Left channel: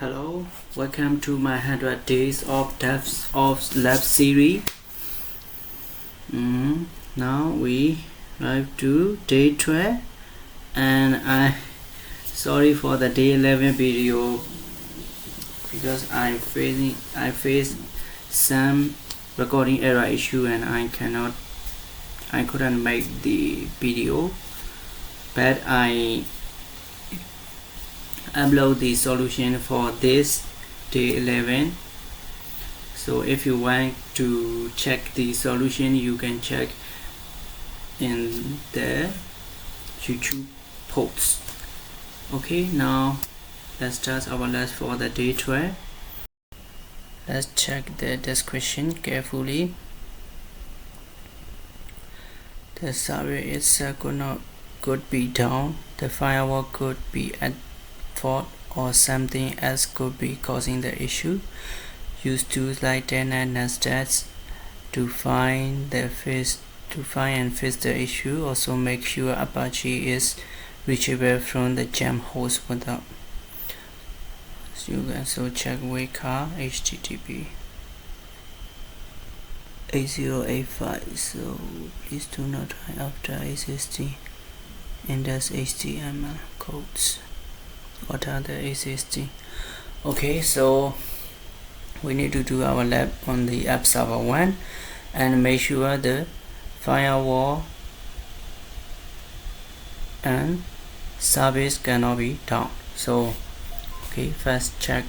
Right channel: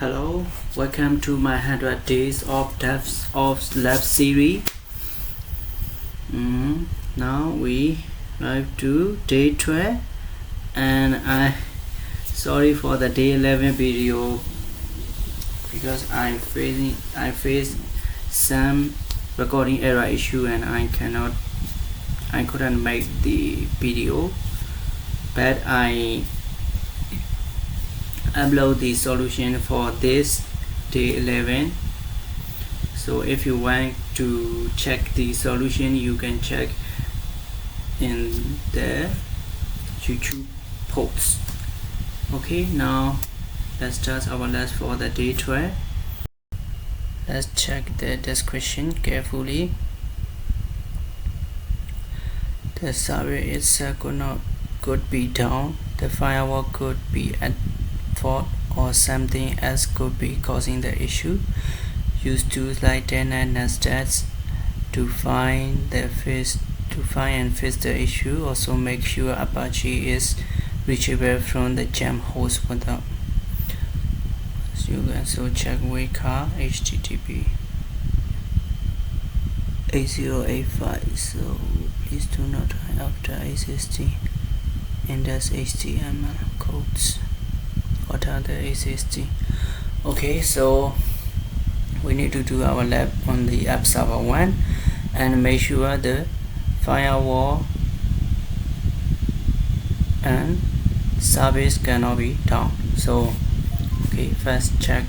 Hello, welcome to my 100 days of DevOps lab series. Now we have to day 12 and I sorry for the day 11 video because I faced some recording error issue and I couldn't make the video, but I upload the solution for this day 11. So if you want to check the solution, you can check in the YouTube post. Okay, now let's start our lesson for the day 12. Let's check the description carefully. The server itself could be down, the firewall could be at fault, or something else could be causing the issue. Use tools like telnet and netstat to find and fix the issue. Also make sure Apache is reachable from the jam host without. So you can also check weka http 8085. So please do not hide after SSD index HTML codes. What are the SSD? Okay, so we need to do our lab on the app server 1 and make sure the firewall and service cannot be down. So okay, first check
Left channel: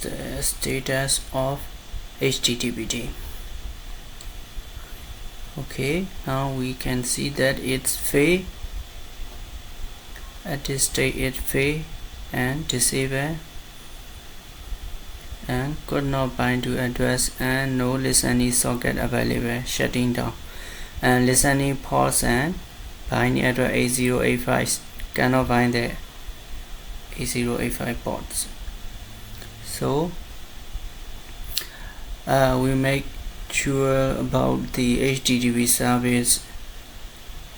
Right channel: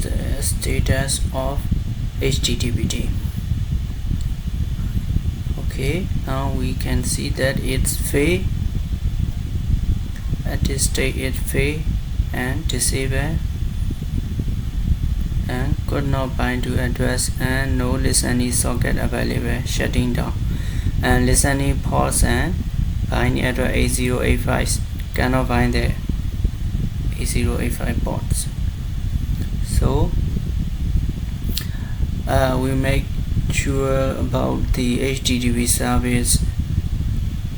the status of HTTPD. Okay, now we can see that it's fail. At this state it fail and disable and could not bind to address and no listening socket available, shutting down, and listening ports and bind address 8085 cannot bind the 8085 ports. So we make sure about the HTTP service.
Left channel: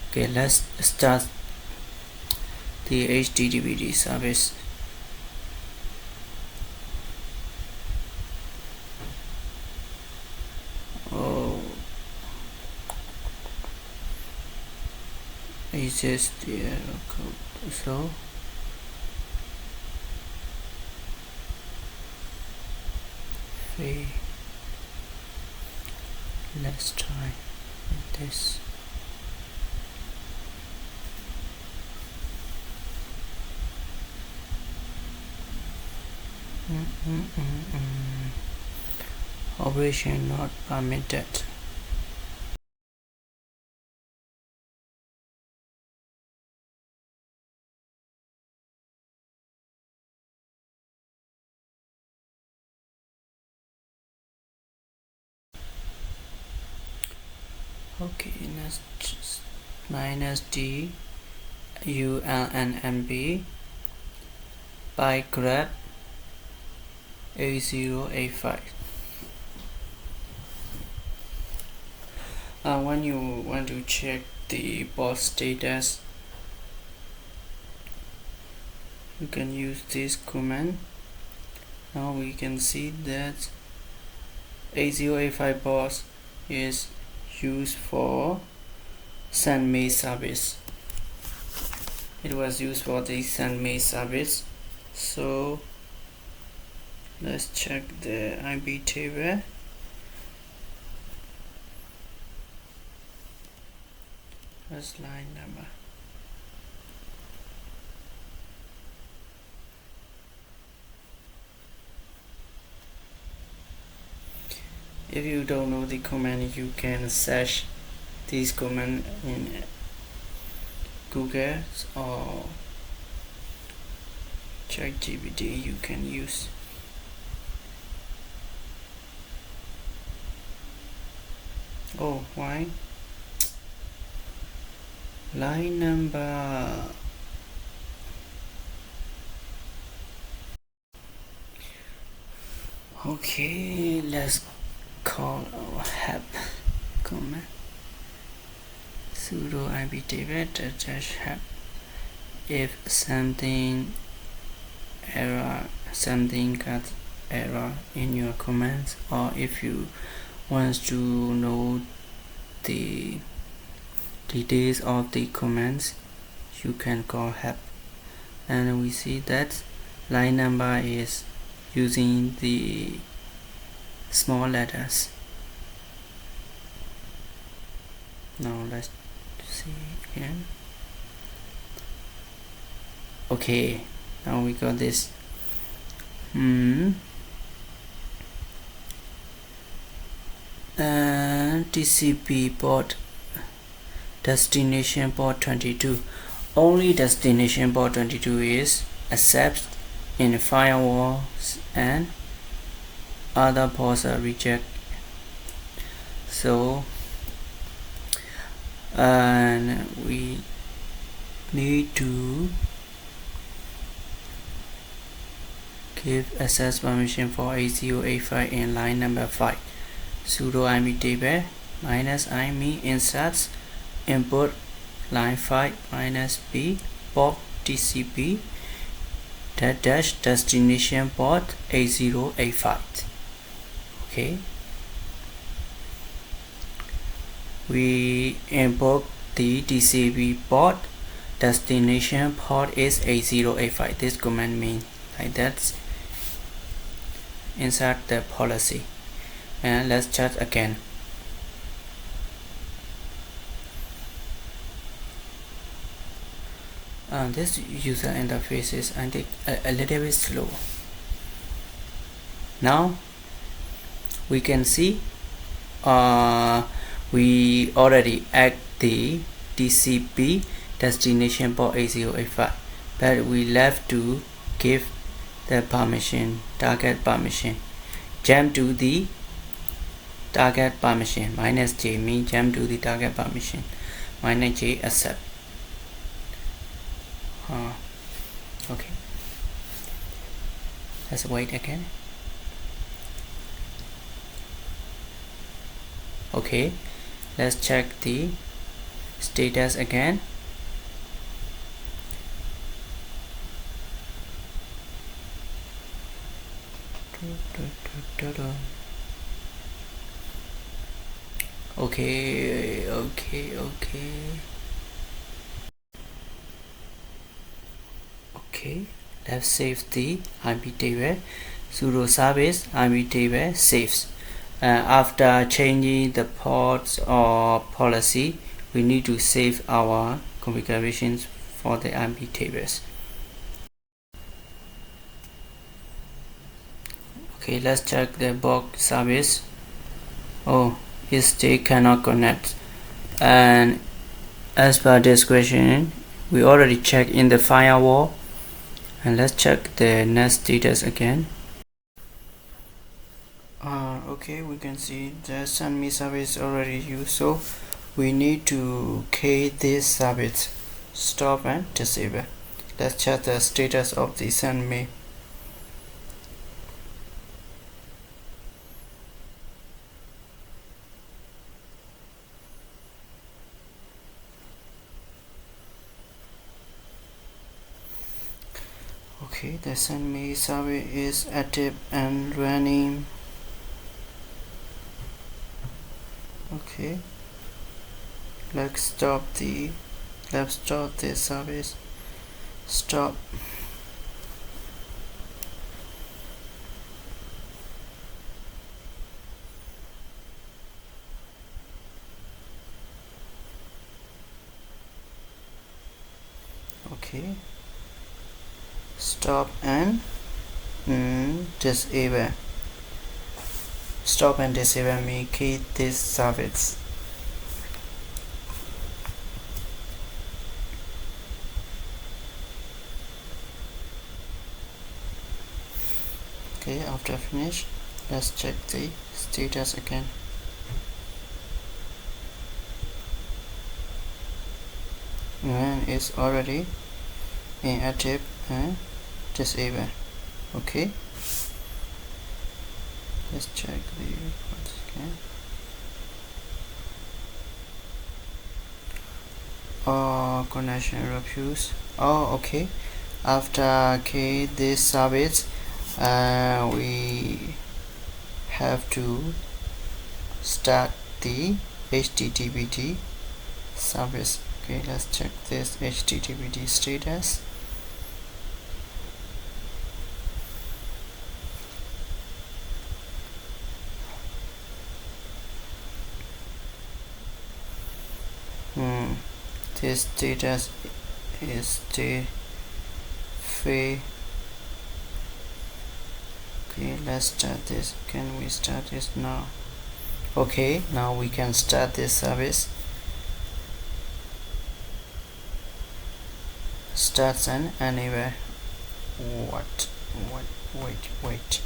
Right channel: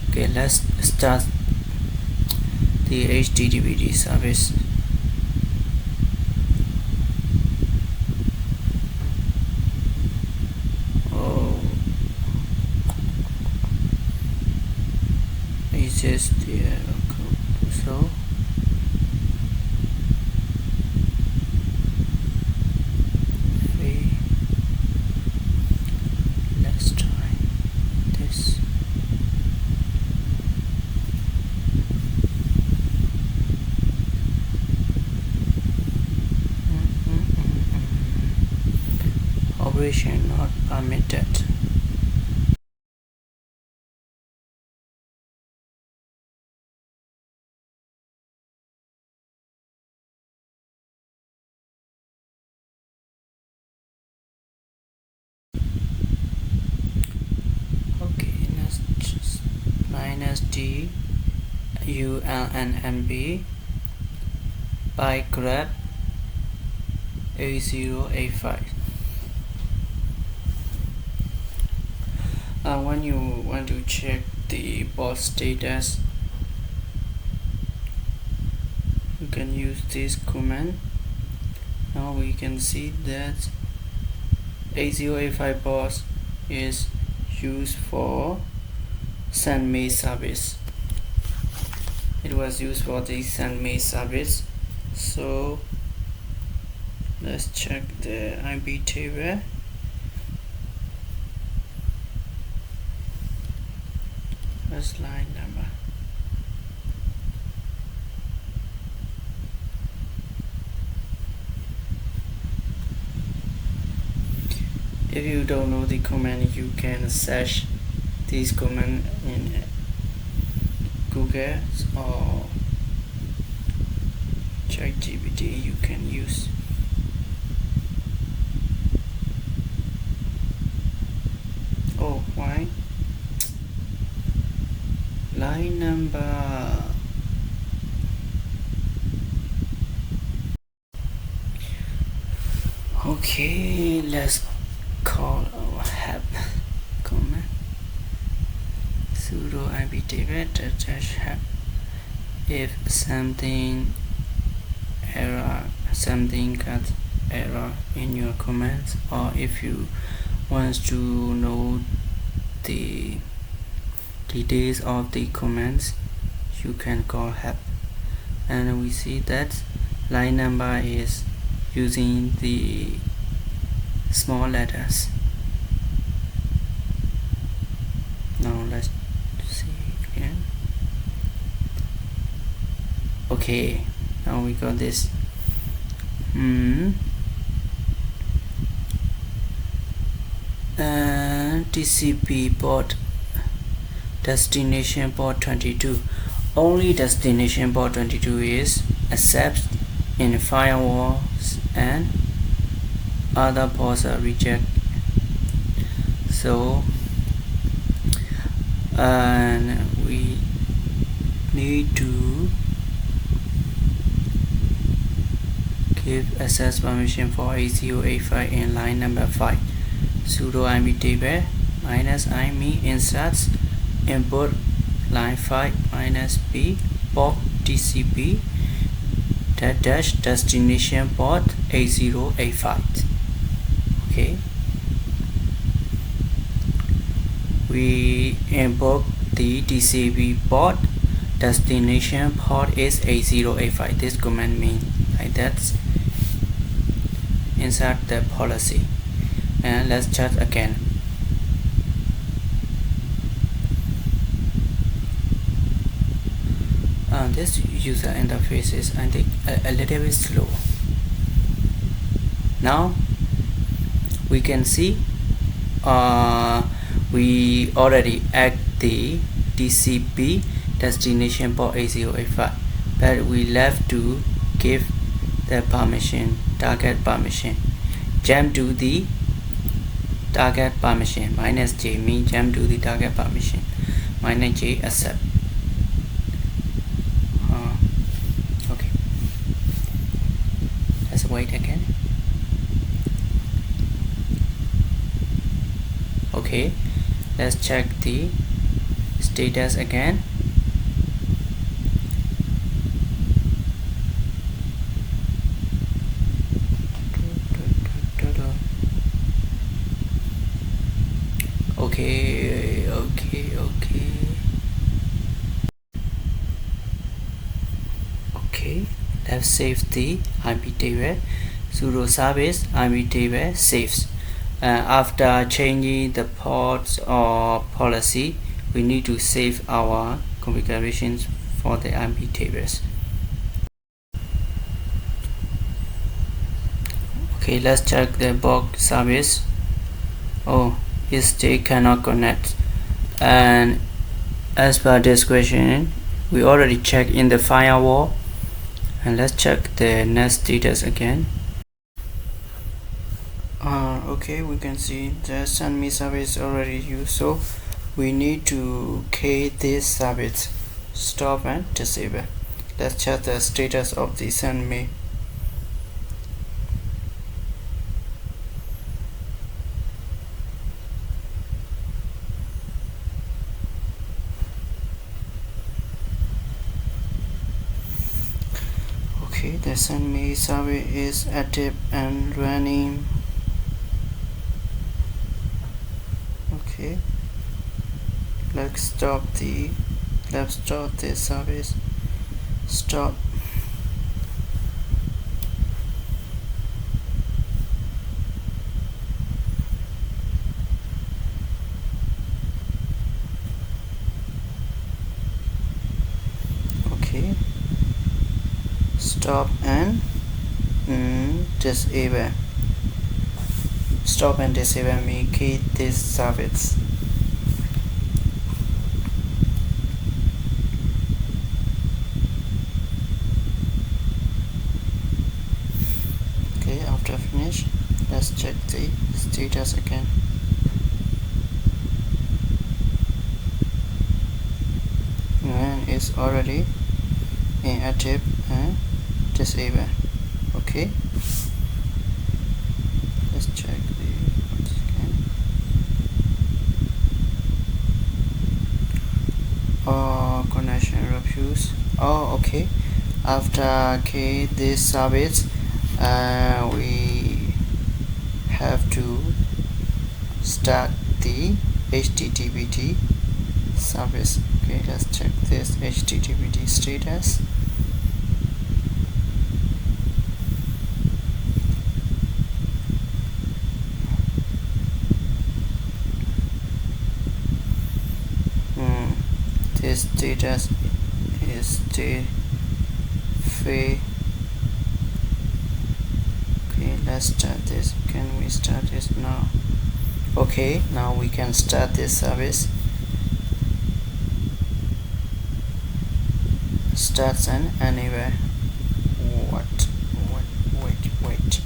Okay, let's start the HTTPD service. This is the error code. So let's try this. Operation not permitted. Okay, let's just -d ulnmb by grep 8085. When you want to check the bot status, you can use this command. Now we can see that 8085 bot is used for send-me service. It was used for the send-me service. So let's check the iptable. First line number. If you don't know the command, you can search this command in Google or ChatGPT. You can use. Oh, why? Line number. Okay, let's call our help command. sudo iptable dash help. If something got error in your commands, or if you want to know the details of the commands, you can call help. And we see that line number is using the small letters. Now let's see again. Okay, now we got this. TCP port, destination port 22. Only destination port 22 is accepted in firewalls, and other ports are rejected. So and we need to give access permission for 8085 in line number 5. Sudo iptable -ime inserts input line 5 -p port TCP dash destination port 8085. Okay, we invoke the TCP port, destination port is 8085. This command means like that. Insert the policy, and let's check again. This user interface is, I think, a little bit slow. Now we can see we already add the TCP destination port 8085, but we left to give the permission, target permission. Jump to the target permission, -j means jump to the target permission, -j accept. Okay, let's wait again. Okay, let's check the status again. Okay, let's save the iptable. Sudo service iptable saves. After changing the ports or policy, we need to save our configurations for the iptables. Okay, let's check the box service. Oh, it still cannot connect, and as per this question, we already checked in the firewall, and let's check the net status again. Okay, we can see the send me service already used, so we need to key this service, stop and disable. Let's check the status of the send me. Okay, the send me service is active and running. Okay, let's stop the service. Stop. Okay, stop and disable. Stop and disable me key this service. Okay, after finish, let's check the status again. And it's already inactive and disable. Okay, let's check the once again. connection refuse. Oh, okay. After this service, we have to start the HTTPD service. Okay, let's check this HTTPD status. This status is the fail. Okay, let's start this. Can we start this now? Okay, now we can start this service. Starts and anywhere. What? Wait.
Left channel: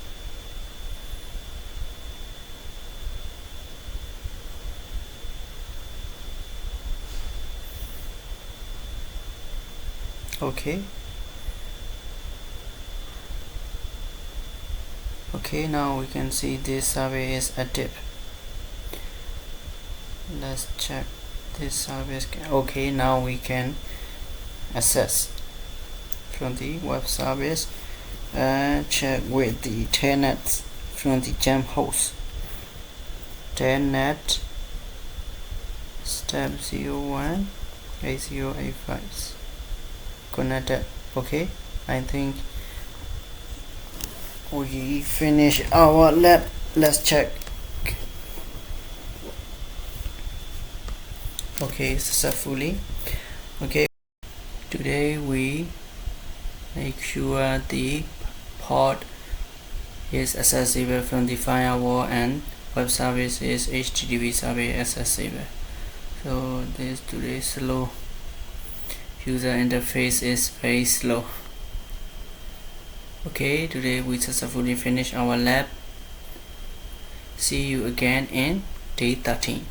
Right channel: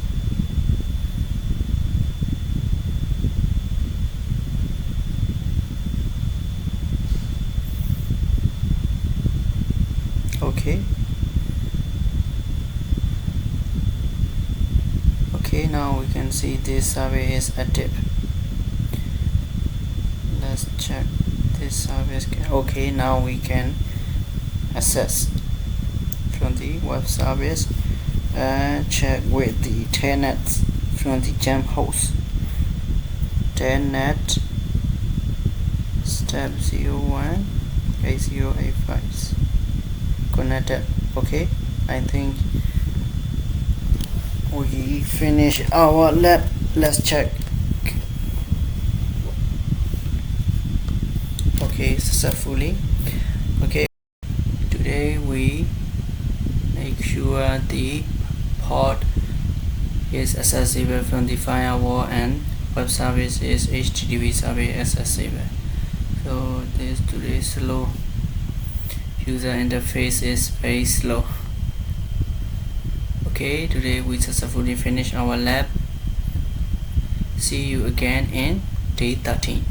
Okay, now we can see this survey is active. Let's check this service. Okay, now we can access from the web service and check with the telnet from the gem host. Telnet step 01 8085 connected. Okay, I think we finish our lab. Let's check. Okay, successfully. Okay, today we make sure the port is accessible from the firewall and web service is HTTP service accessible. So this today slow. User interface is very slow. Okay, today we successfully finish our lab. See you again in day 13.